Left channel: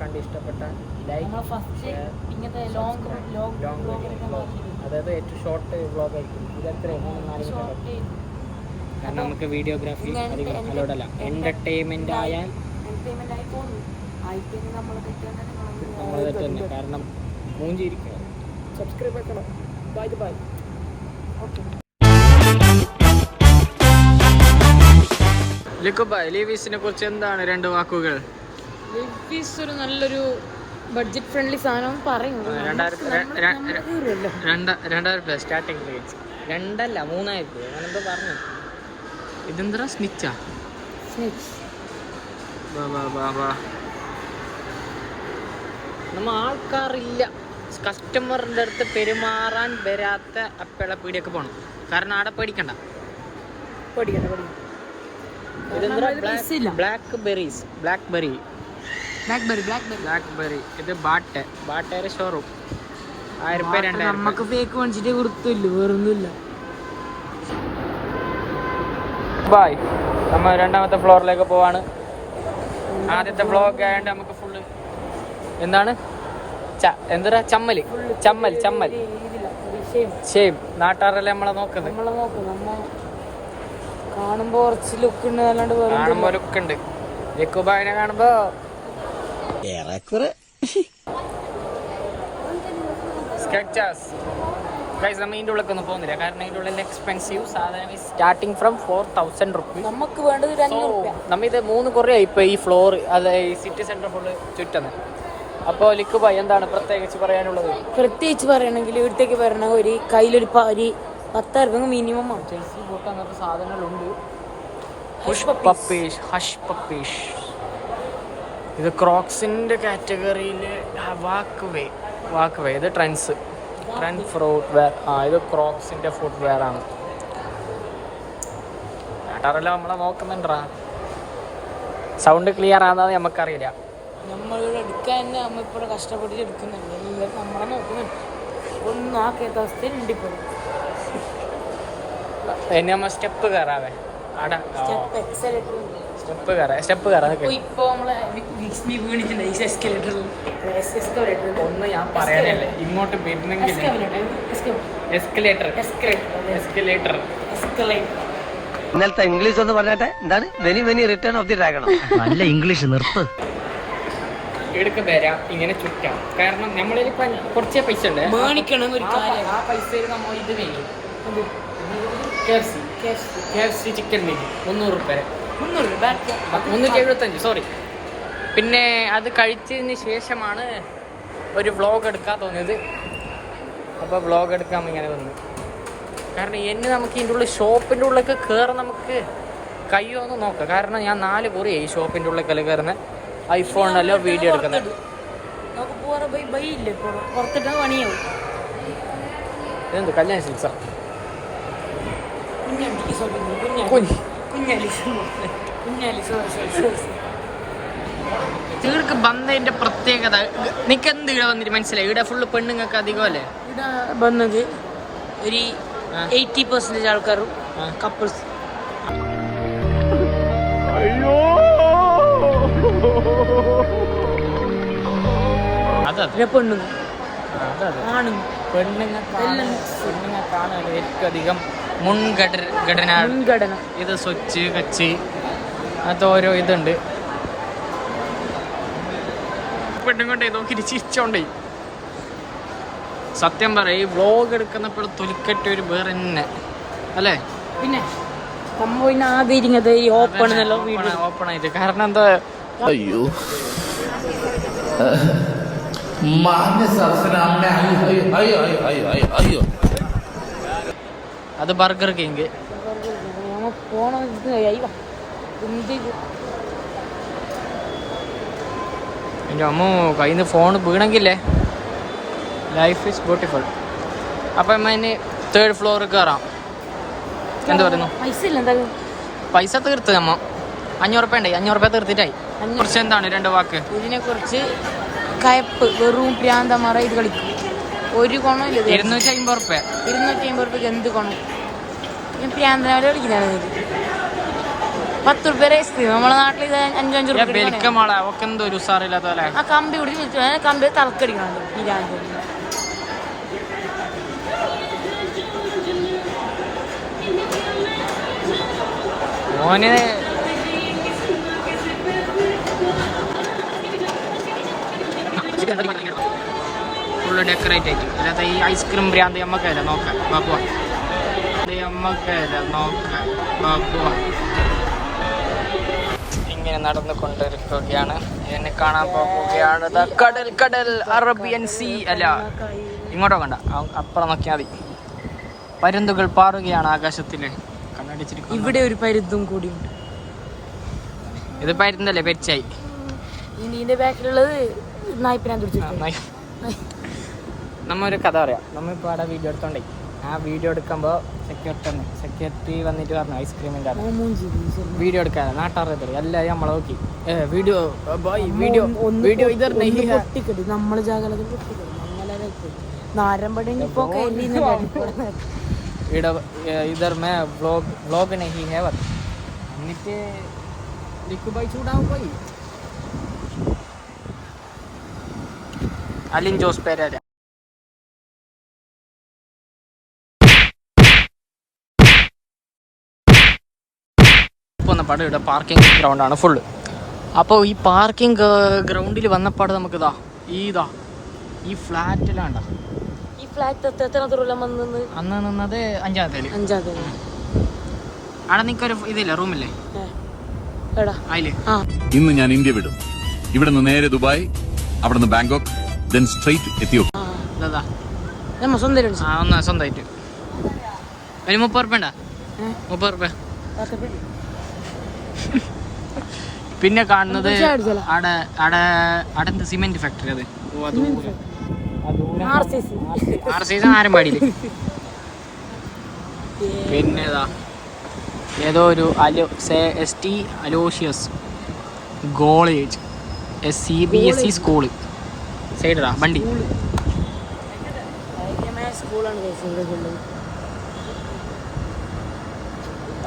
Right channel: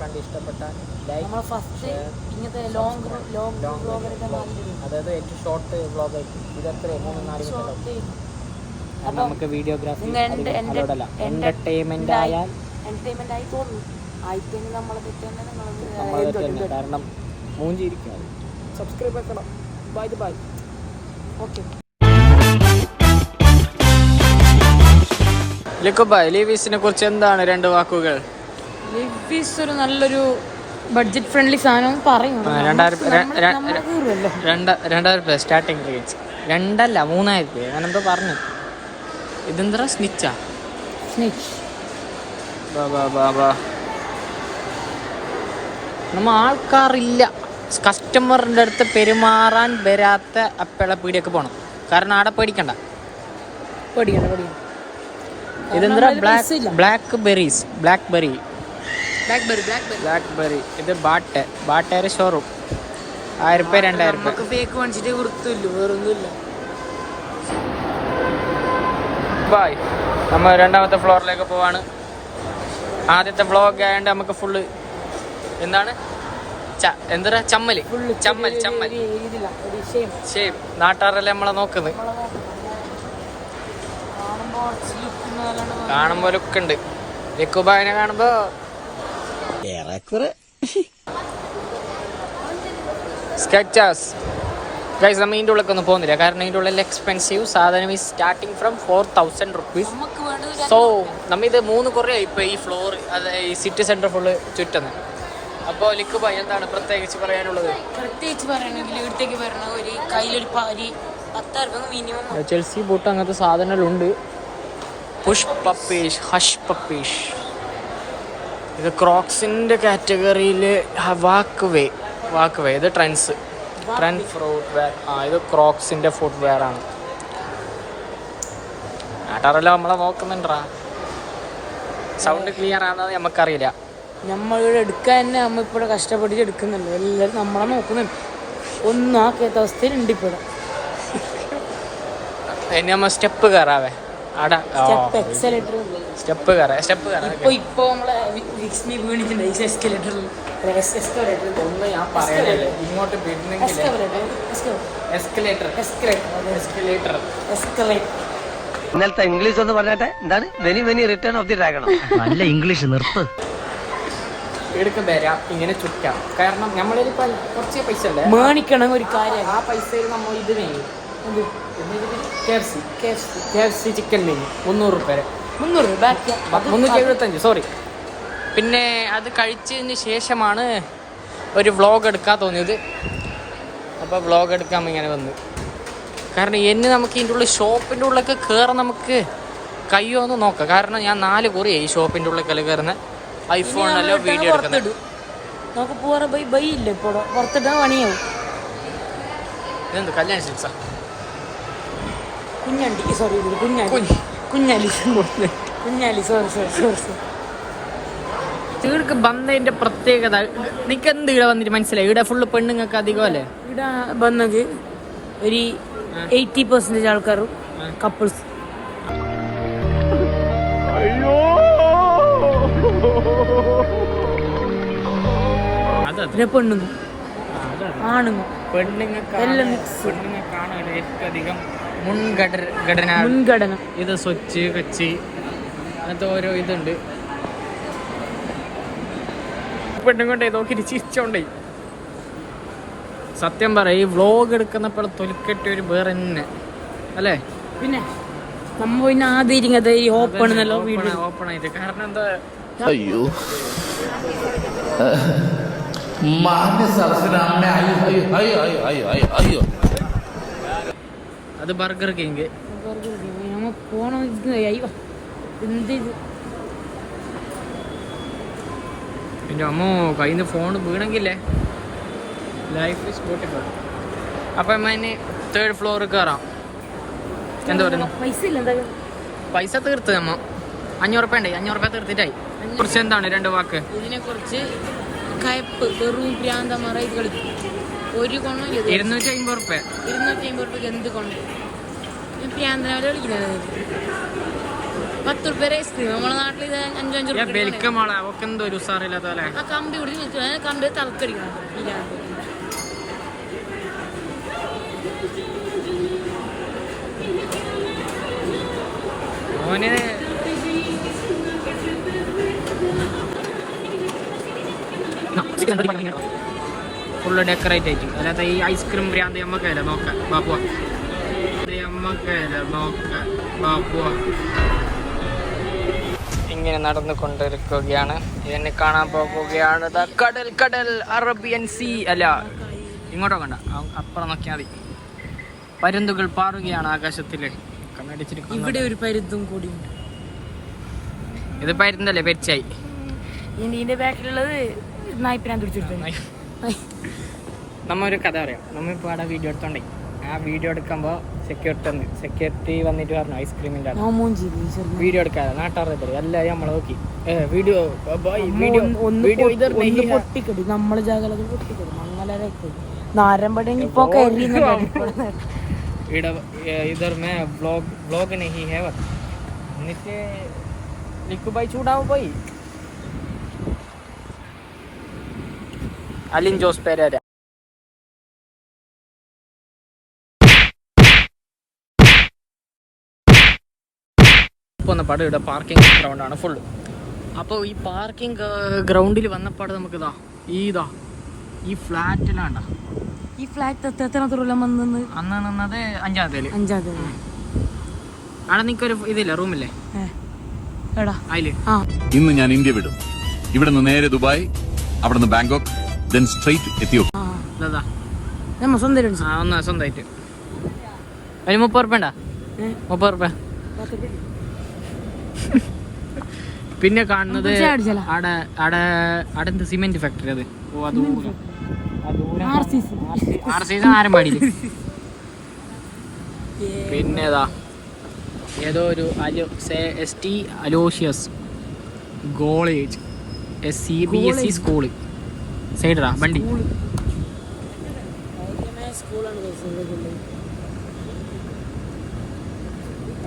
കണ്ട് ഇഷ്ടപ്പെട്ടാൽ like, share, subscribe. Long vlog, അതായത് ഏറ്റവും ഷോർട്ട് വ്ലോഗ് ആയിരിക്കും. ഇത് എത്ര 3-4 മിനിറ്റ്. കാരണം നമുക്ക് വീഡിയോഗ്രാഫി അധികം അലോഡല്ല. എന്റർടൈൻമെന്റ് ആയാൽ നമ്മൾ തന്നെ. കാരണം മൂഞ്ചിരിക്കാറ്. സബ്സ്ക്രൈബ് ആക്കണം. Bye bye. ഓക്കെ. ലീവീസിനെ കുറിച്ച് എന്താണ് 2 വാക്കുകൾ? ലീവീസ് ഒരു നല്ലൊരു ബഡ്ജറ്റ് ഫ്രണ്ട്ലി സാധനം പറയും. 2000 സ്റ്റാർട്ടിങ് റേറ്റ്. 2,000-3,000 ഞാനെന്തോ പറഞ്ഞു. ഇതെന്താ സ്നിച്ചാ? നമ്മ ആൾക്കാരില്ല. കസ്റ്റമറിൻ്റെ അടുത്ത് പെരുമാറാൻ വരാത്ത അപ്പള പീടിയൊക്കെ പോകണം. കാരണം ആടെ പേടിക്കണ്ട. ഇതെന്താ ബ്ലാക്ക്ബെറി. ഇത് ബാട്ടേരെ ഷോറൂം. 1000 രൂപ 2000. നമുക്ക് ഫേക്ക് മേടിച്ചിട്ട് കൊടുത്തില്ല, വേറൊന്നുമില്ല. ബൈ. നമ്മൾ 2ാമത്തെ ഫ്ലോറിലേക്ക് പോവാണ്. ആദ്യത്തെ വ്ളോഗ് ആയതുകൊണ്ട് നമുക്ക് ഫുള്ള് എന്താണ് ചമ്മൽ. സെയിം നാട്ടാറല്ലേ നമ്മളെ നോക്കുന്നത്. കാണുമ്പോ ലുക്ക് ഉണ്ട്. ലക്കുബായിനെ കാണുമ്പോ സ്കെച്ചേഴ്സ്. ഗൈസ്, നമ്മൾ ഇതിൻ്റെ ഉള്ളിലൊക്കെ ഒന്നും പോകുന്നില്ല. കാരണം ഇതിൻ്റെ ഉള്ളിൽ എക്സ്പെൻസീവ് സാധനം ഈ സ്റ്റാർട്ടിങ് ഫ്രം 4,000 റുപ്പീസ്. സോ നമ്മ ഇത് 3 കുറയായി ഇപ്പോൾ ഈ ഫ്ലോർ, അത് ഈ സിറ്റി സെൻറ്റർ ഫുള്ള് ചുറ്റുന്നത്. അപ്പോൾ ലിക്കുബായ് എന്താണ് പ്രത്യേകിച്ച് പറയാനുള്ളത്? പ്രത്യേകിച്ച് പറയണമെങ്കിൽ ഇവിടത്തേക്ക് വരണ ഒരു കയ്യിലൊരു 10,000 രൂപ മിനിമം. ചെൽസി ബൂട്ട് അങ്ങനത്തെ സാധനങ്ങളുണ്ട്. ഹഷ് പപ്പീഷ്. ഇത് ക്രോക്സിൻ്റെ കാറ്റഗറിയിൽ വാക്ക് വേ. ഇത് ട്രെൻഡ് ഫുട് വെയർ. ഇത് ക്രോക്സിൻ്റെ ഫുട് വെയർ ആണ്. നാട്ടാറെല്ലാം നമ്മളെ നോക്കുന്നുണ്ടാ. സൗണ്ട് ക്ലിയർ ആണെന്ന് നമുക്കറിയില്ല. നമ്മളിവിടെ എടുക്കാൻ തന്നെ നമ്മളിപ്പോൾ കഷ്ടപ്പെട്ടിട്ട് എടുക്കുന്നുണ്ട്. എല്ലാവരും നമ്മളെ നോക്കുന്നുണ്ട്. ഒന്നും ആക്കാത്ത അവസ്ഥയിലുണ്ട് ഇപ്പോൾ. ഇനി നമ്മൾ സ്റ്റെപ്പ് കയറാവേ. സ്റ്റെപ്പ് കയറാം. ഇപ്പൊ നമ്മളെ ഒന്ന് ഞാൻ പറയാനല്ലേ ഇങ്ങോട്ട് വരുന്നെങ്കിൽ എസ്കലേറ്റർ. ഇന്നലത്തെ ഇംഗ്ലീഷ് ഒന്ന് പറഞ്ഞാട്ടെ. എന്താണ് വെനി റിട്ടേൺ ഓഫ് ദി ഡ്രാഗൺ? നല്ല ഇംഗ്ലീഷ് നിർത്ത്. എടുക്ക വരാം, ഇങ്ങനെ ചുറ്റാം. കാരണം നമ്മളിൽ കുറച്ചേ പൈസ ഉണ്ട്. മേണിക്കണം ഒരു കാര്യം. ആ പൈസയിൽ നമ്മൾ ഇത് ചെയ്യും. KFC ചിക്കൻ മെനു 300 രൂപ. 375. സോറി. പിന്നെ അത് കഴിച്ചതിന് ശേഷമാണ് ഒരു വ്ളോഗ് എടുക്കാൻ തോന്നിയത്. അപ്പോൾ വ്ളോഗ് എടുക്കാൻ ഇങ്ങനെ വന്നു. കാരണം എന്നെ നമുക്ക് ഇതിൻ്റെ ഉള്ളിൽ ഷോപ്പിൻ്റെ ഉള്ളിലൊക്കെ കയറാൻ നമുക്ക് കഴിയുമോ എന്ന് നോക്കാം. കാരണം ഞാൻ 4 കുറിയായി ഷോപ്പിൻ്റെ ഉള്ളിൽ കയറുന്നത്. ഐഫോണിലല്ലോ വീഡിയോ എടുക്കുന്നത്. ഇതെന്ത് കല്യാണ സിൽക്സാ? തീർക്ക് ബന്ധതിന്റെ പ്രത്യേകത. നിനക്ക് എന്ത് ഇവിടെ വന്നിട്ട് മനസ്സിലായി? ഇവിടെ ഫുള്ള് പെണ്ണുങ്ങൾക്ക് അധികം അല്ലേ? ഇവിടെ വന്നത് ഒരു 80% ആൾക്കാർ കപ്പിൾസ്. പെണ്ണുങ്ങൾക്കാണ് ഏറ്റവും അധികം മുൻഗണന. ഇത് സ്വച്ച് കച്ച് അത് ഓരോ ഇതുണ്ട്. പെണ്ണുകൊണ്ടേ നോക്കിട്ട് ചിരിച്ചോണ്ടേ. സത്യം പറ, ഈ വ്ളോഗ് എടുക്കുന്നപ്പോൾ തൊലിക്കെട്ട് ഒരു വേറെ തന്നെ അല്ലേ? പിന്നെ ഓപ്പൺ ആയിട്ട്. കാരണം എന്താ, അയ്യോ അത് ബർഗർ കിങ്. എൻ്റെ അമ്മ കയ്യിൽ നിന്ന് ഫോൺ വീണെങ്കിലേ ലൈഫ് ഈസ് ബ്യൂട്ടിഫുൾ. അപ്പം അതിന് 3rd ഫ്ലോർ കയറാം. എന്ത് പറയുന്നു? പൈസ തീർത്ത് അമ്മ 500 രൂപ ഉണ്ടായി. 500 രൂപ തീർത്തിട്ടായി. കുറിച്ച് എന്താണ് 2 വാക്ക്? ഇതിനെ കുറിച്ച് കയപ്പ് വെറും പ്രാന്തമാറ. ഇത് കളിക്കും ഒരു ഗുണമില്ല. 250 രൂപ. 250 രൂപയ്ക്ക് എന്ത് ഗുണം? പ്രാന്തമാരെ കളിക്കുന്നതാണ്. 10 രൂപ ഐസ്ക്രീം നമ്മളെ നാട്ടിൽ ഇത് 5 രൂപ ബെൽക്കമാളെ ഒക്കെ എന്തോ ഒരു ഉസാറില്ലാത്ത പോലെ. ആ കമ്പി പിടിച്ച് കമ്പി തറക്കടിക്കണം. മോന് ഫുള്ള് ഡെക്കറേറ്റ് ആയിട്ട്. അല്ലാതെ ഈ ഐസ്ക്രീം ഭ്രാന്ത് നമ്മക്കല്ല നോക്കാം ബാപ്പുവ. ഇങ്ങനെ നടന്നുകൊണ്ടിരിക്കുകയാണ്. ഇതിനെ കാണാൻ പോകുകയാണ്. കടൽ കടൽ അറേബ്യൻ സീ. അല്ല ഇങ്ങോട്ടോ കണ്ട, അപ്പുറം നോക്കിയാൽ മതി. പരുന്തുകൾ പാറുകയാണ് ആകാശത്തില്. കണ്ണടിച്ചിരിക്കുന്നു. ഇവിടെ ഒരു പരുന്തും കൂടി ഉണ്ട്. ഇത് പരുന്തല്ലേ, പെരിച്ചായി. ഇതിന്റെ ബാക്കിലുള്ളത് നായ്പിനാൻ തുടിച്ചിട്ട്. നമ്മ ഒരു കഥ പറയാം. നമ്മളിപ്പോൾ അവിടെ വീഡിയോ എടുത്തോണ്ടേ, ആ വീഡിയോ എടുക്കുമ്പോൾ സെക്യൂരിറ്റി വന്നിട്ട് പറഞ്ഞു ഐസ്ക്രീമിൻ്റെ വീഡിയോ എടുക്കാതെ നാട്ടറിയത്തില്ല. എല്ലാവരും നമ്മളെ നോക്കി വീഡിയോ പൊട്ടിക്കടി നമ്മള് ജാഗ്രത പൊട്ടിക്കടി നാരമ്പടി इधर में व्लॉग नहीं है बस. എന്നിട്ട് ലിക്കു ഭായി ചൂടാവും പോയി. അലിൻ ജോസ് പെരേര വന്ന പടം ഇവിടെ പാർക്കിംഗ് ഗ്രൗണ്ടാണ് ഫുള്ള്. അപ്പോൾ ഈ പാർക്കിംഗ് ഗ്രൗണ്ടിൽ വന്നപ്പാട് നമുക്കിതാ ഈ ഫ്ലാറ്റിലാണ്ട ഈ ഫ്ലാറ്റ് അന്ന് നിന്നത് 5ാമത്തേല്. അവിടെ നിനക്കൊരു ഇതില്ല, റൂമില്ലേ അതില്. ഇന്ന് ഞാൻ ഇന്ത്യ വിടും. ഇവിടെ നിന്ന് നേരെ ദുബായ്, അവിടെ നിന്ന് ബാങ്കോക്ക്, then straight എത്തിയോപ്യ. ഒന്ന് സ്വന്തമായിട്ട് ഒരു 30 ഉറുപ്പ ഉണ്ടാ. 30 ഉറുപ്പ. പിന്നെ കാണുന്നത് അവിടെ എന്ത് സിമെന്റ് ഫാക്ടറി. അത് ആരമ്പാടിയില്. പിന്നെ ഏതോ ഒരു ST Aloysius college CBSE school സൈഡാ വണ്ടി.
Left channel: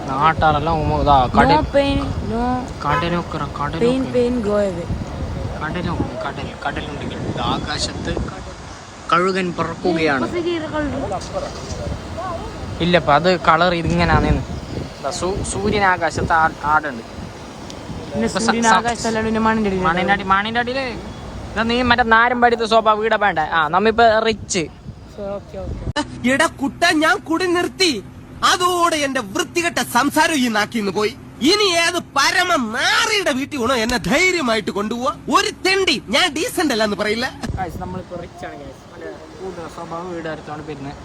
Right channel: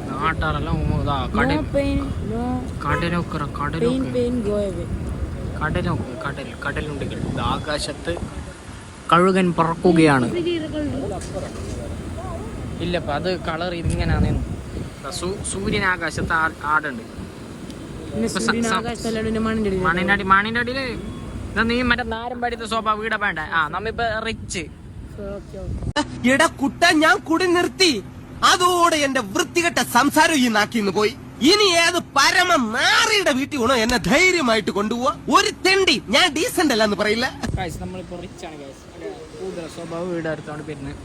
നാട്ടാറെല്ലാം കടലുണ്ടെങ്കിൽ ആകാശത്ത് കഴുകൻ പറക്കുകയാണ്. ഇല്ലപ്പ അത് കളർ ഇതിങ്ങനാണെന്ന്. സൂര്യൻ ആകാശത്ത് ആടുണ്ട്. മണിന്റെ അടിയില് നീ മറ്റേ നാരമ്പടിത്തെ സോഫ വീട വേണ്ട. നമ്മിപ്പോ റിച്ച് കുട്ട ഞാൻ കുടി നിർത്തി. അതോടെ എന്റെ വൃത്തികെട്ട സംസാരം ഈ നാക്കിന്ന് പോയി. ഇനി ഏത് പരമ നാറിയുടെ വീട്ടിൽ വേണോ എന്നെ ധൈര്യമായിട്ട് കൊണ്ടുപോവാ. ഒരു തെണ്ടി ഞാൻ ഡീസന്റ് അല്ല എന്ന് പറയില്ല. നമ്മളിപ്പോ റിച്ച് ആണ് കൂടുതൽ സ്വഭാവ വീട് എടുത്തോണ്ട് വരുന്നത്.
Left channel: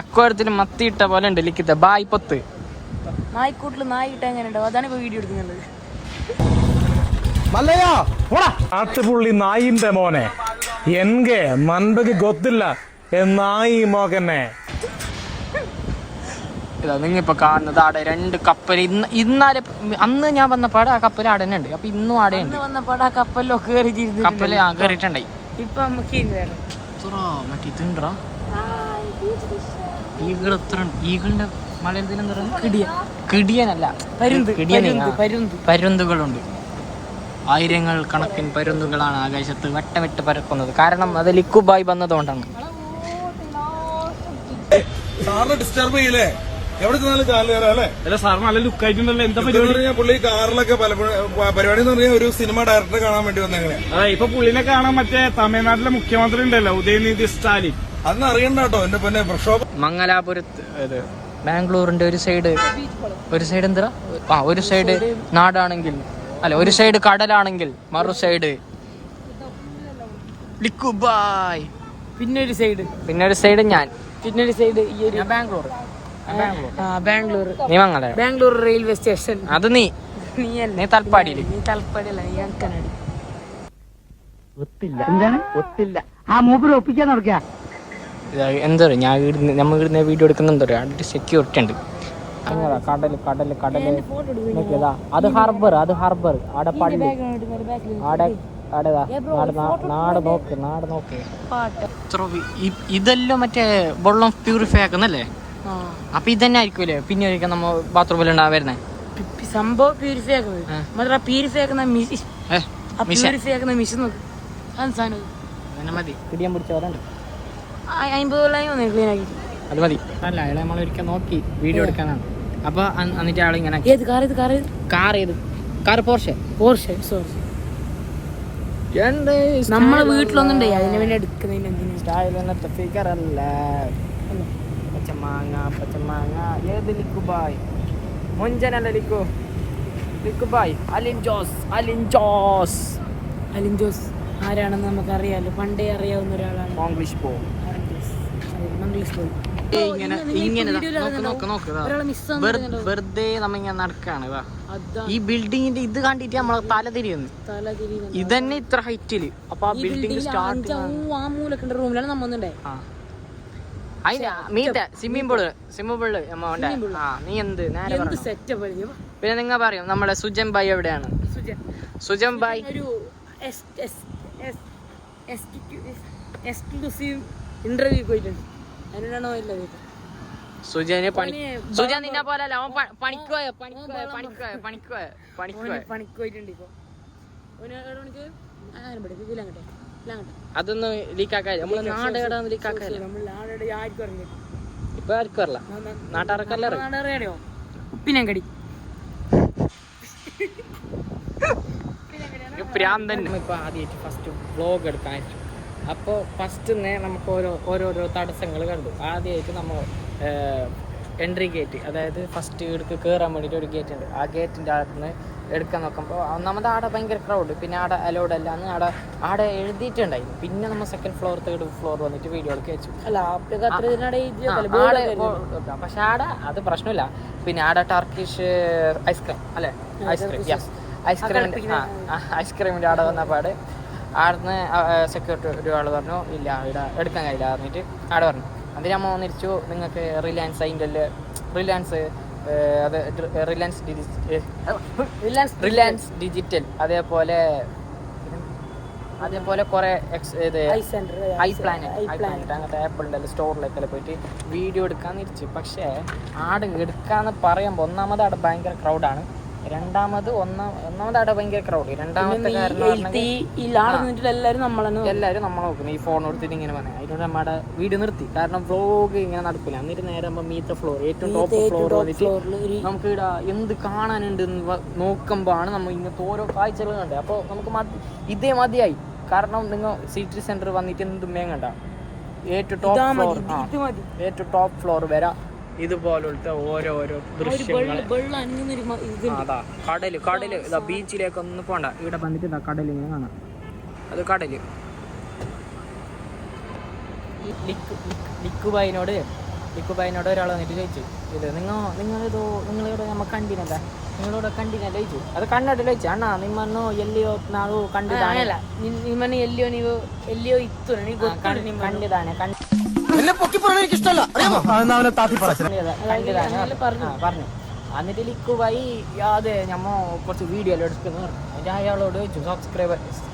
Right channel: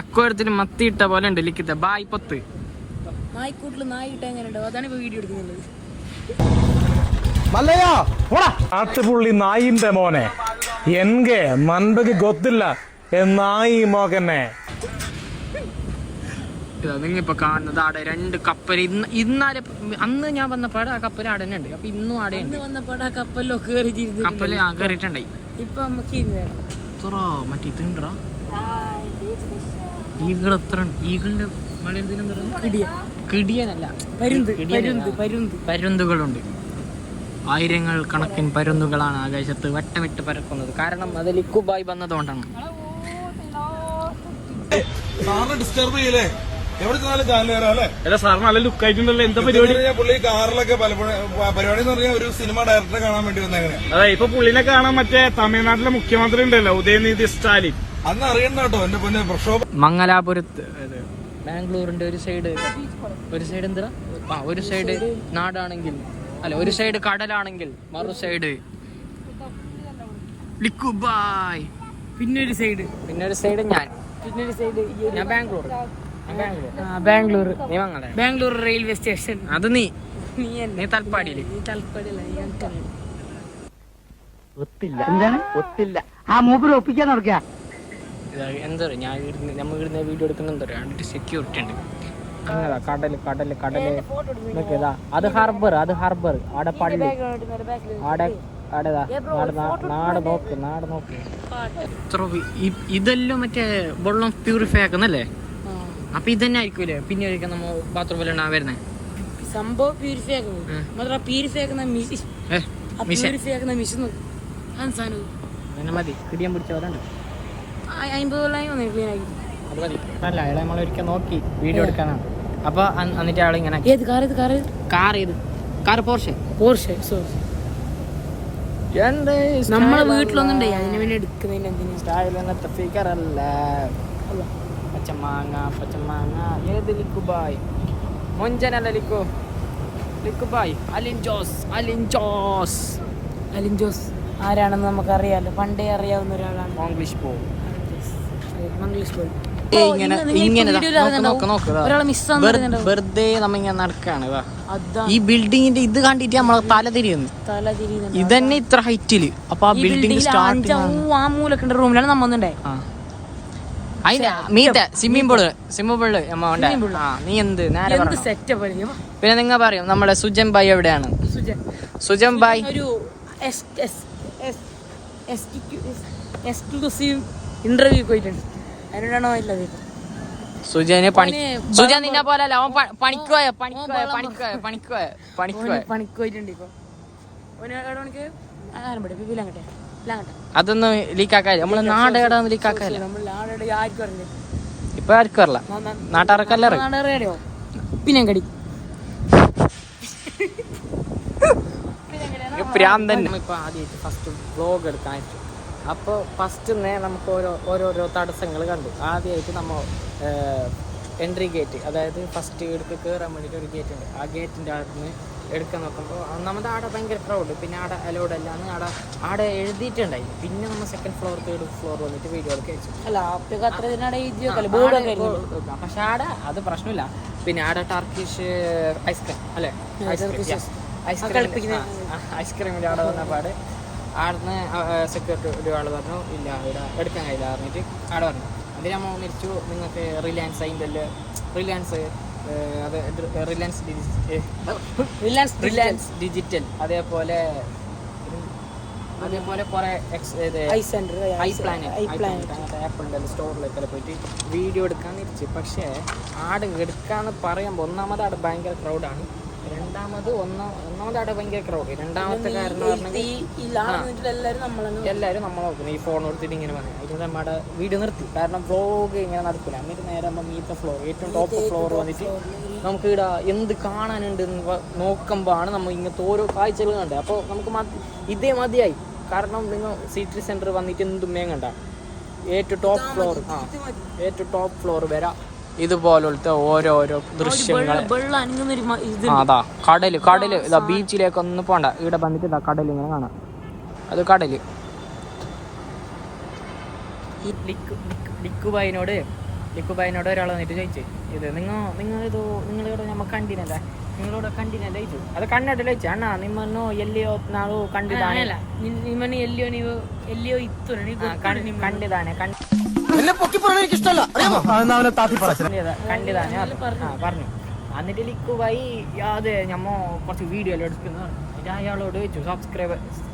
അക്വാരത്തിൽ മത്തിയിട്ട പോലെ ഉണ്ട് ലിഖിത ബായ് പൊത്ത്. നായ്ക്കൂട്ടില് നായിട്ട എങ്ങനെ ഉണ്ടാവും? അതാണ് ഇപ്പൊ വീഡിയോ എടുക്കുന്നത്. ആട്ടുപുള്ളി നായിന്റെ മോനെ എൻകെ നൻപക്ക് ഗൊത്തില്ല നായി മോകനെ. ഇതാ നിങ്ങിപ്പോ കാണുന്നത് ആടെ 2 കപ്പൽ. ഇന്നാലെ അന്ന് ഞാൻ വന്നപ്പാട് ആ കപ്പൽ ആടെ തന്നെ ഉണ്ട്. അപ്പൊ ഇന്നും ആടെ ഉണ്ട്. കപ്പല് കയറിയിട്ടുണ്ടായി. ഇപ്പൊ നമുക്ക് മറ്റേ ഇതുണ്ടാ ഈഗിൾ എത്ര ഈഗിളിന്റെ മലയാളത്തിൽ കിടിയനല്ല, പരുന്തുകളുണ്ട്. 1000 കണക്കിന് പരുന്തുകളാണ് ആകാശത്ത് വട്ടമിട്ട് പരക്കുന്നത്. കാരണം അത് ലിക്കുബായി വന്നതുകൊണ്ടാണ്. ഡിസ്റ്റർബ് ചെയ്യില്ലേ? എവിടെ ചെന്നാലും കാലിൽ സാർ നല്ല ലുക്ക് ആയിട്ടുണ്ടല്ലോ. എന്താ പരിപാടി? പുള്ളി കാറിലൊക്കെ പരിപാടി എന്ന് പറഞ്ഞാൽ ഒരു സിനിമ ഡയറക്ടറെ കാണാൻ വേണ്ടി വന്നേക്കണേ. അതെ, ഇപ്പൊ പുള്ളിനെ കാണാൻ മറ്റേ തമിഴ്നാട്ടിലെ മുഖ്യമന്ത്രി ഉണ്ടല്ലോ, ഉദയനിധി സ്റ്റാലിൻ. അന്ന് അറിയണ്ട കേട്ടോ എന്റെ പിന്നെ പ്രക്ഷോഭം. മംഗലാപുരത്ത് ബാംഗ്ലൂരിന്റെ ഒരു സൈഡ് എന്താ ഒരു സൈഡ് നാടാണെങ്കിൽ, അല്ല ഒരു സൈഡ് കടലാണെങ്കിൽ മറു സൈഡ് ലിക്കുബായ്. പിന്നെ ഒരു സൈഡ് ഞാൻ ബാംഗ്ലൂർ. നീ മംഗല ബാംഗ്ലൂർ റെയിൽവേ സ്റ്റേഷൻ. അത് നീ തൽപ്പാടിയില്. എന്താ പറയാ, നമ്മൾ ഇടുന്ന വീഡിയോ എടുക്കുന്ന എന്താ പറയാ, അടുത്ത് സെക്യൂരിറ്റി ഉണ്ട്. അങ്ങനെ കടല് നോക്കിയതാ. അത് ഹാർബർ ആടെ പള്ളി ആടെ നാട് നോക്ക്. ഇതെല്ലാം മറ്റേ വെള്ളം പ്യൂരിഫൈ ആക്കുന്നല്ലേ. അപ്പൊ ഇതന്നെ ആയിരിക്കൂലേ പിന്നെ ഒരിക്കൽ നമ്മ ബാത്റൂമിൽ വരുന്നേ സംഭവം പ്യൂരിഫൈ ആക്കുന്നത് പ്യൂരിഫൈ ആക്കുന്ന മിഷൻ പ്യൂരിഫൈ ആക്കുന്ന മിഷൻ സാധനം അതന്നെ മതി പിടിയാൻ പിടിച്ച പോലെ ഉണ്ട് 50 ക്ലീൻ ആക്കി അത് മതി അല്ല അയാളെ നമ്മളൊരിക്കൽ നോക്കി വീഡിയോ എടുക്കാനാണ് അപ്പൊ എന്നിട്ട് അയാൾ ഇങ്ങനെ ഏത് കാർ ഇത് കാർ ഏത് കാർ പോർഷെ സോറി നമ്മളെ വീട്ടിലൊന്നുണ്ടേ അതിന് വേണ്ടി എടുക്കുന്നതിന് എന്തിനാ സ്റ്റൈലിനത്തെ ഫിഗർ അല്ല പച്ചമാങ്ങ ഏത് ലിക്കുബായ് മൊഞ്ചനല്ല ലിക്കുബായ് അലിൻ ജോസ് ആരാണെന്ന് നമുക്കറിയാലോ പണ്ടേ അറിയാവുന്ന ഒരാളാണ് മംഗ്ലീഷ് പോ മംഗ്ലീഷ് പോയി ഇങ്ങനെ നോക്ക് വെറുതെ നമ്മ ഇങ്ങനെ നടക്കാണ് ഈ ബിൽഡിങ്ങിന്റെ ഇത് കണ്ടിട്ട് നമ്മളെ തല തിരിയുന്നു ഇതന്നെ ഇത്ര ഹൈറ്റില് അപ്പൊ ആ ബിൽഡിംഗ് സ്റ്റാർട്ട് ആ മൂലക്കുള്ള റൂമിലാണ് നമ്മ വന്നിട്ടേ അതിന്റെ മീത്തെ സ്വിമ്മിംഗ് പൂള് നമ്മ ഉണ്ട് ആ നീ എന്ത് നേരെ പിന്നെ നിങ്ങൾ പറയും നമ്മുടെ സുജൻ ഭായ് എവിടെയാണ് സുജൻ ഭായ് ഒരു എക്സ്ക്ലൂസീവ് ഇന്റർവ്യൂ പോയിട്ടുണ്ട് അതിനോടാണോ ഇല്ലത് സുജൻ നിന്നെ പോലെ അല്ല അവൻ പണിക്കോയിട്ടുണ്ട് ഇപ്പൊ അതൊന്നും ലീക്കാക്കാല്ല നമ്മള് നാടേടാന്ന് ലീക്കാക്കാല്ല ഇപ്പൊ ആർക്കും അറിയില്ല നാട്ടുകാർക്കല്ല അറിയോ പിന്നെ കടി പ്രാന്തൻ ഇപ്പൊ ആദ്യമായിട്ട് ഫസ്റ്റ് വ്ലോഗ് എടുക്കാൻ വെച്ചു അപ്പോൾ ഫസ്റ്റ് നമുക്ക് ഓരോരോ തടസ്സങ്ങൾ കണ്ടു ആദ്യമായിട്ട് നമ്മൾ എൻട്രി ഗേറ്റ് അതായത് ഫസ്റ്റ് ഇടയ്ക്ക് കയറാൻ വേണ്ടിയിട്ട് ഒരു ഗേറ്റ് ഉണ്ട് ആ ഗേറ്റിൻ്റെ അകത്തുനിന്ന് എടുക്കാൻ നോക്കുമ്പോൾ ഒന്നാമത് ആടെ ഭയങ്കര ക്രൗഡ് പിന്നെ ആടെ അലൗഡ് അല്ലാന്ന് ആടെ എഴുതിയിട്ടുണ്ടായിരുന്നു പിന്നെ നമ്മൾ സെക്കൻഡ് ഫ്ലോർ തേർഡ് ഫ്ലോർ വന്നിട്ട് വീഡിയോ എടുക്കുക വെച്ചു പക്ഷെ ആടെ അത് പ്രശ്നമില്ല പിന്നെ ആടെ ടർക്കിഷ് ഐസ്ക്രീം അല്ലേ ഐസ്ക്രീമിൻ്റെ ആടെ വന്നപാട് ആടുന്ന് സെക്യൂരിറ്റി ഒരാൾ പറഞ്ഞു ഇല്ല ഇവിടെ എടുക്കാൻ കഴിയില്ല പറഞ്ഞിട്ട് ആടെ പറഞ്ഞു അതിന് അമ്മ വന്നിരിച്ചു നിങ്ങൾക്ക് റിലയൻസ് അതിൻ്റെ റിലയൻസ് ഡിജിറ്റൽ അതേപോലെ കുറെ ഐ പ്ലാനറ്റ് അങ്ങനത്തെ ആപ്പിളിൻ്റെ സ്റ്റോറിലേക്കെല്ലാം പോയിട്ട് വീഡിയോ എടുക്കാൻ തിരിച്ചു പക്ഷേ ആട് എടുക്കാന്ന് പറയുമ്പോൾ ഒന്നാമത് ആടെ ഭയങ്കര ക്രൗഡാണ് രണ്ടാമത് അവിടെ ഭയങ്കര ക്രൗഡ് രണ്ടാമത്തെ കാരണം എല്ലാവരും നമ്മളെ നോക്കുന്നു ഈ ഫോൺ എടുത്തിട്ട് ഇങ്ങനെ പറഞ്ഞു അതിനോട് നമ്മുടെ വീഡിയോ നിർത്തി കാരണം വ്ലോഗ് ഇങ്ങനെ നടക്കില്ല എന്നിട്ട് നേരെ ആകുമ്പോൾ മീത്ത ഫ്ലോർ ഏറ്റവും ടോപ്പ് ഫ്ലോർ വന്നിട്ട് നമുക്ക് ഇവിടെ എന്ത് കാണാനുണ്ട് നോക്കുമ്പോൾ ആണ് നമ്മൾ ഇങ്ങനത്തെ ഓരോ കാഴ്ചകൾ കണ്ടത് അപ്പോൾ നമുക്ക് ഇതേ മതിയായി കാരണം നിങ്ങൾ സിറ്റി സെന്റർ വന്നിട്ട് എന്തും വേങ്ങണ്ട ഏറ്റവും ടോപ്പ് ഫ്ലോർ വരാം ഇതുപോലത്തെ ഓരോരോ ദൃശ്യങ്ങൾ അതാ കടല് ഇതാ ബീച്ചിലേക്കൊന്നും പോണ്ട ഇവിടെ വന്നിട്ട് ഇതാ കടൽ ഇങ്ങനെ കാണാം അത് കടല് ലിക്കുബായിനോട് ഒരാൾ വന്നിട്ട് ചോദിച്ചു ഇത് നിങ്ങളിവിടെ നമ്മ കണ്ടിനല്ലേ നിങ്ങളിവിടെ കണ്ടിനല്ലേ ചോദിച്ചു അത് കണ്ടിട്ട് ചോദിച്ചു അണ്ണാ നിമ്മന്നോ എല്ലിയോ നാളോ കണ്ടിതാണ് കണ്ടിതാണ് പറഞ്ഞു എന്നിട്ട് ലിക്കുബായി അത് നമ്മ കുറച്ച് വീഡിയോ എല്ലാം എടുക്കുന്നു പറഞ്ഞു എന്നിട്ട് അയാളോട് ചോദിച്ചു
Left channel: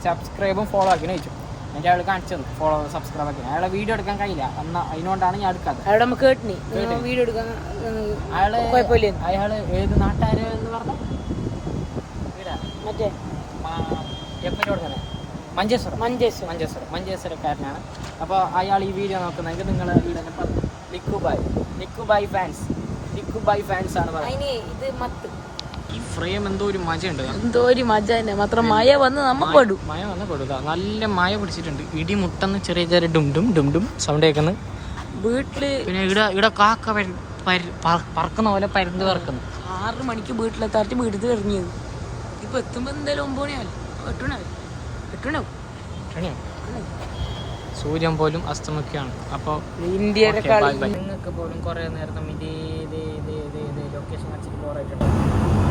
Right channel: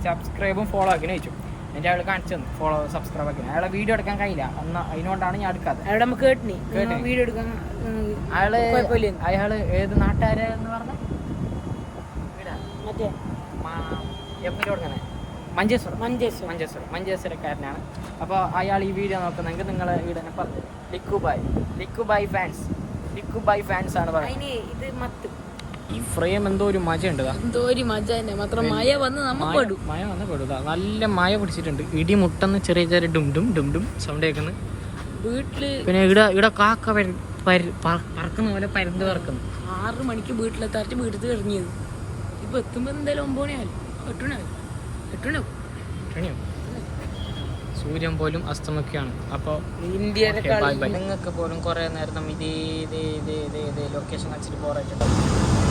സബ്സ്ക്രൈബും ഫോളോ ആക്കിന് ചോദിച്ചു എന്നിട്ട് അയാൾ കാണിച്ചു തന്നു ഫോളോ സബ്സ്ക്രൈബ് ആക്കി അയാളെ വീഡിയോ എടുക്കാൻ കഴിയില്ല അതിനോണ്ടാണ് ഞാൻ എടുക്കാത്തത് അയാള് ഏത് നാട്ടുകാരെന്ന് പറഞ്ഞു എപ്പിട്ട് കൊടുക്കണേ മഞ്ചേശ്വരക്കാരനാണ് അപ്പോൾ അയാൾ ഈ വീഡിയോ നോക്കുന്നെങ്കിൽ നിങ്ങൾ ഇവിടെ പറഞ്ഞു ലിക്കുബായ് ഫാൻസ് ആണ് പറയുന്നത് ഈ ഫ്രെയിം എന്തോ ഒരു മജ ഉണ്ട് മഴ വന്ന് പെടുക നല്ല മഴ പിടിച്ചിട്ടുണ്ട് ഇടി മുട്ടെന്ന് ചെറിയ ഡും ഡും സൗണ്ട് കേൾക്കുന്നു വീട്ടില് പിന്നെ ഇവിടെ കാക്ക പറക്കുന്ന പോലെ പരുന്ത് പറക്കുന്നു 6 മണിക്ക് വീട്ടിലെത്താറ്റ് വീട്ടിൽ കഴിഞ്ഞത് ഇപ്പൊ എത്തുമ്പോ എന്തായാലും 9 മണിയാവും 8 മണിയാവും സൂര്യൻ പോലും അസ്തമിക്കുകയാണ് അപ്പോൾ നിങ്ങൾക്ക് പോലും കുറേ നേരം ഇതേ ലൊക്കേഷൻ വെച്ചിട്ട് ബോറായിട്ടുണ്ടാവും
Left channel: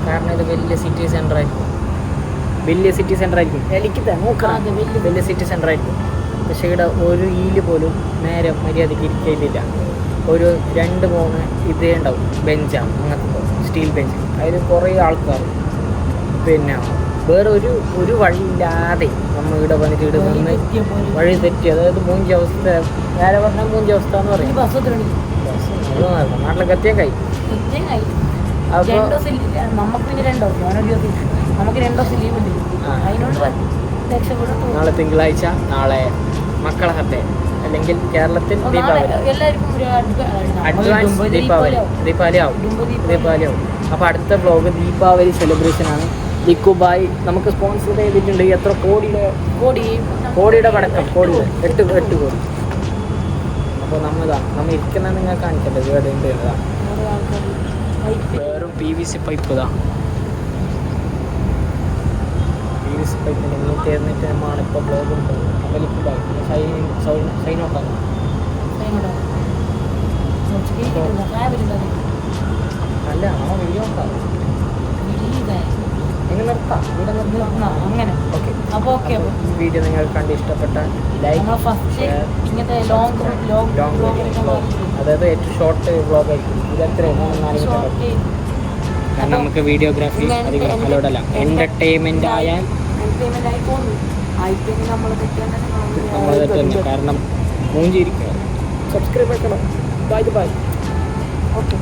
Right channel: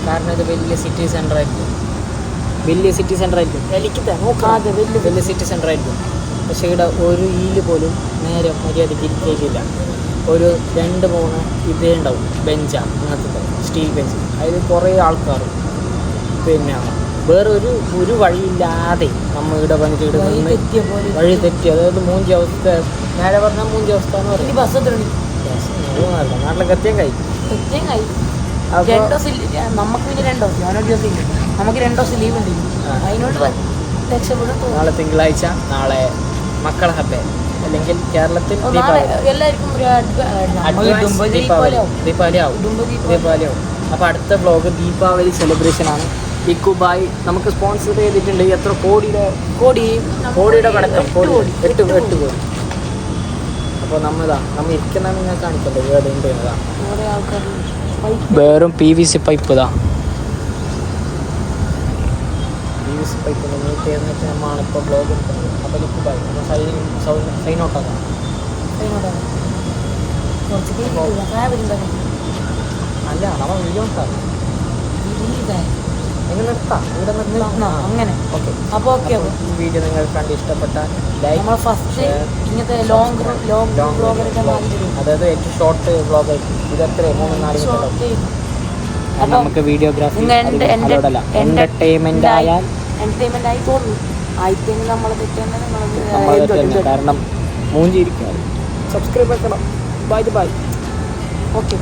കാരണം ഇത് വലിയ സിറ്റി സെൻ്റർ ആയിരിക്കും വലിയ സിറ്റി സെൻ്റർ ആയിരിക്കും പക്ഷേ ഇവിടെ ഒരു ഈല് പോലും നേരെ മര്യാദയ്ക്ക് ഇരിക്കില്ല ഒരു 2-3 ഇതേ ഉണ്ടാവും ബെഞ്ചാണ് അങ്ങനത്തെ സ്റ്റീൽ ബെഞ്ച് അതിൽ കുറേ ആൾക്കാർ പിന്നെ വേറെ ഒരു വഴിയില്ലാതെ നമ്മൾ ഇവിടെ വന്നിട്ട് ഇവിടെ നിന്ന് വഴി തെറ്റി അതായത് മൂഞ്ചി അവസ്ഥ നേരെ പറഞ്ഞാൽ മൂഞ്ചി അവസ്ഥ എന്ന് പറയും നാട്ടിലൊക്കെ എത്തിയാൻ കഴിയും. തെറ്റേം കഴിയും. അപ്പോൾ 2 ദിവസം നമുക്ക് പിന്നെ 2 ദിവസം ഞാനൊരു ദിവസം ഇല്ല. നമുക്ക് 2 ദിവസം ലീവ് ഉണ്ട്. അതിനോട് രക്ഷപ്പെടും. നാളെ തിങ്കളാഴ്ച, നാളെ മക്കളെ ഹബ്ബേ, അല്ലെങ്കിൽ കേരളത്തിൽ ദീപാവലി, എല്ലാവർക്കും ഒരു അഡ്വാൻസ് ദീപാവലി ആവും. അപ്പോൾ അടുത്ത വ്ളോഗ് ദീപാവലി സെലിബ്രേഷൻ ആണ്. ലിക്കുബായ് നമുക്ക് സ്പോൺസർ ചെയ്തിട്ടുണ്ട്. എത്ര കോടിയുടെ പടക്കം, 8 കോടി. അപ്പോൾ നമ്മൾ ഇരിക്കുന്ന നിങ്ങൾ കാണിക്കണ്ടേ വീട് ഉണ്ട് എന്നതാണ്. വേറും PVC പൈപ്പ് PVC പൈപ്പിൻ്റെ മീറ്റ് ചെയ്തിട്ട് നമ്മളാണ് ഇപ്പോൾ ബ്ലോഗ് എടുക്കുന്നത്. അപ്പോൾ ലിക്കുബായ് നമ്മൾ സൈൻ ഔട്ട് ആകാം. അല്ല നമ്മൾ വീഡിയോ നോക്കാം. നിങ്ങൾ നിർത്താം, ഇവിടെ നിർത്താം. അങ്ങനെ ഓക്കെ. അപ്പോൾ ഈ വീഡിയോ നിങ്ങൾക്ക് കണ്ട് ഇഷ്ടപ്പെട്ടാൽ ലൈക്ക്, ഷെയർ, അതായത് ഏറ്റവും ഷോർട്ട് വ്ളോഗ് ആയിരിക്കും ഇത്. എത്ര 3-4 മിനിറ്റ്. കാരണം നമുക്ക് വീഡിയോഗ്രാഫി അധികം അലോഡല്ല. എന്റർടൈൻമെന്റ് ആയാൽ നമ്മൾ തെറ്റന്നെ. കാരണം മൂഞ്ചിരിക്കാറ്. സബ്സ്ക്രൈബ് ആക്കണം. ബൈ. ഓക്കെ.